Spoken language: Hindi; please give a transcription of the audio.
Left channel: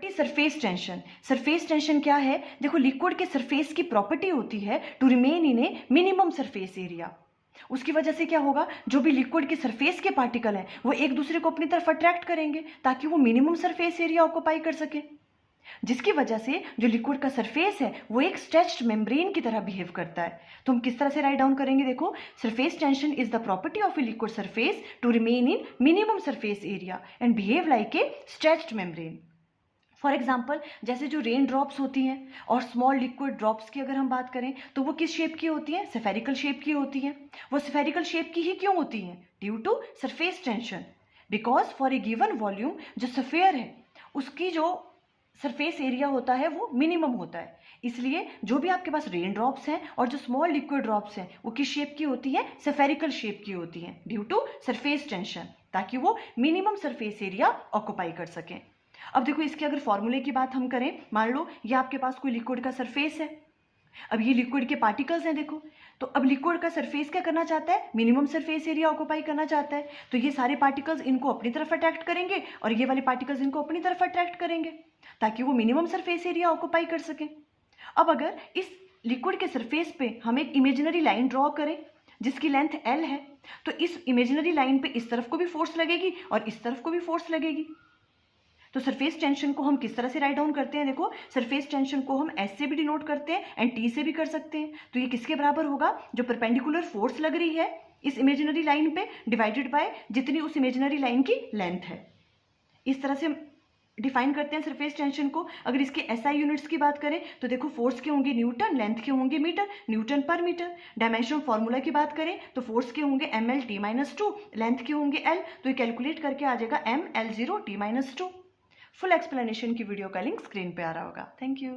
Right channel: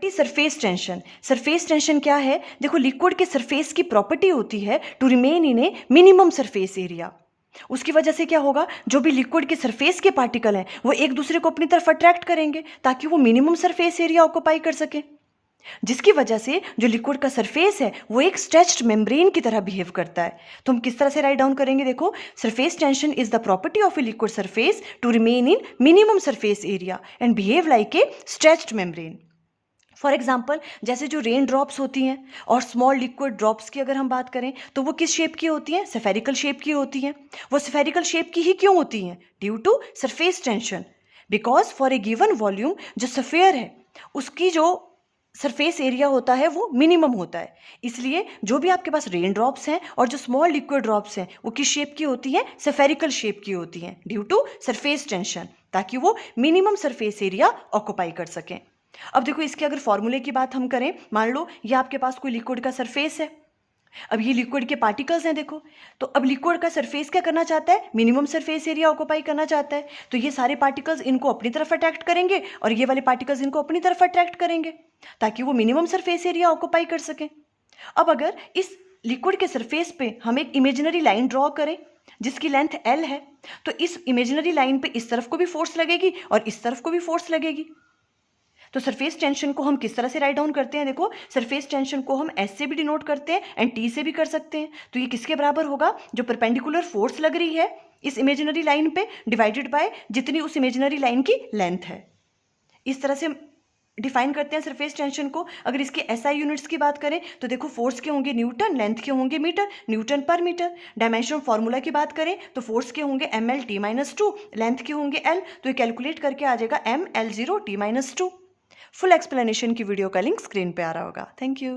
Property surface tension. Surface tension क्या है? देखो, लिक्विड के सरफेस की प्रॉपर्टी होती है to remain in a minimum surface area. उसकी वजह से क्या होगा, जो भी लिक्विड के सरफेस के पार्टिकल हैं वो एक दूसरे को अपनी तरफ अट्रैक्ट करेंगे ताकि वो मिनिमम सरफेस एरिया ऑक्यूपाई कर सके, जिसकी वजह से जो लिक्विड का सरफेस है वो एक स्ट्रेच्ड मेम्ब्रेन की तरह बिहेव करता है। तो हम किस तरह से राइट डाउन करेंगे? देखो, surface tension is the property of a liquid surface to remain in minimum surface area and behave like a stretched membrane. For example, जैसे जो रेन ड्रॉप्स होती हैं और स्मॉल लिक्विड ड्रॉप्स की अगर हम बात करें तो वो किस शेप की होती हैं? स्फेरिकल शेप की होती हैं। वो स्फेरिकल शेप की ही क्यों होती हैं? Due to surface tension. Because for a given volume जो स्फेयर है उसकी जो सरफेस एरिया होता है वो मिनिमम होता है, इसलिए जो भी आपके पास रेन ड्रॉप्स हैं और जो स्मॉल लिक्विड ड्रॉप्स हैं वो किस शेप की होती हैं? स्फेरिकल शेप की होती हैं ड्यू टू सरफेस टेंशन, ताकि वो मिनिमम सरफेस एरिया ऑक्यूपाई कर सकें। अब देखो, इसके अगर फॉर्मूले की बात हम करें, मान लो ये आपके पास कोई लिक्विड का सरफेस है, अब ये लिक्विड के पार्टिकल्स हैं देखो, तो अब लिक्विड का सरफेस क्या करना चाहता है? मिनिमम सरफेस एरिया ऑक्यूपाई करना चाहता है। तो ये सारे पार्टिकल्स इनको अपनी तरफ अट्रैक्ट करेंगे और ये वाले पार्टिकल्स इनको अपनी तरफ अट्रैक्ट करेंगे ताकि वो मिनिमम सरफेस एरिया ऑक्यूपाई कर सकें। अब अगर इस लिक्विड के सरफेस पे हम एक इमेजिनरी लाइन ड्रॉ करें जिसकी लेंथ L है, तो इस इमेजिनरी लाइन पे इस तरफ को भी फोर्स लगेगी और इस तरफ को भी फोर्स लगेगी। तो सरफेस टेंशन को हम किस तरह से राइट डाउन करते हैं? देखो, सरफेस टेंशन को हम S से भी डिनोट करते हैं एंड T से भी कर सकते हैं। तो ये किसके बराबर होगा? जो परपेंडिकुलर फोर्स लग रही है इस इमेजिनरी लाइन पे डिवाइडेड बाय जितनी उस इमेजिनरी लाइन की लेंथ है। इस तरह से डिफाइन करते हैं सरफेस टेंशन को। अगर इसके SI यूनिट्स की बात करें तो देखो, फोर्स के होंगे न्यूटन, लेंथ के होंगे मीटर, न्यूटन पर मीटर। डायमेंशन फॉर्मूला की बात करें तो फोर्स के होंगे ML/T-2, लेंथ के होंगे L, तो ये कैलकुलेट करके आ जाएगा ML0T-2। फुल एक्सप्लेनेशन की वीडियो का लिंक स्क्रीन पे आ रहा होगा। Thank you.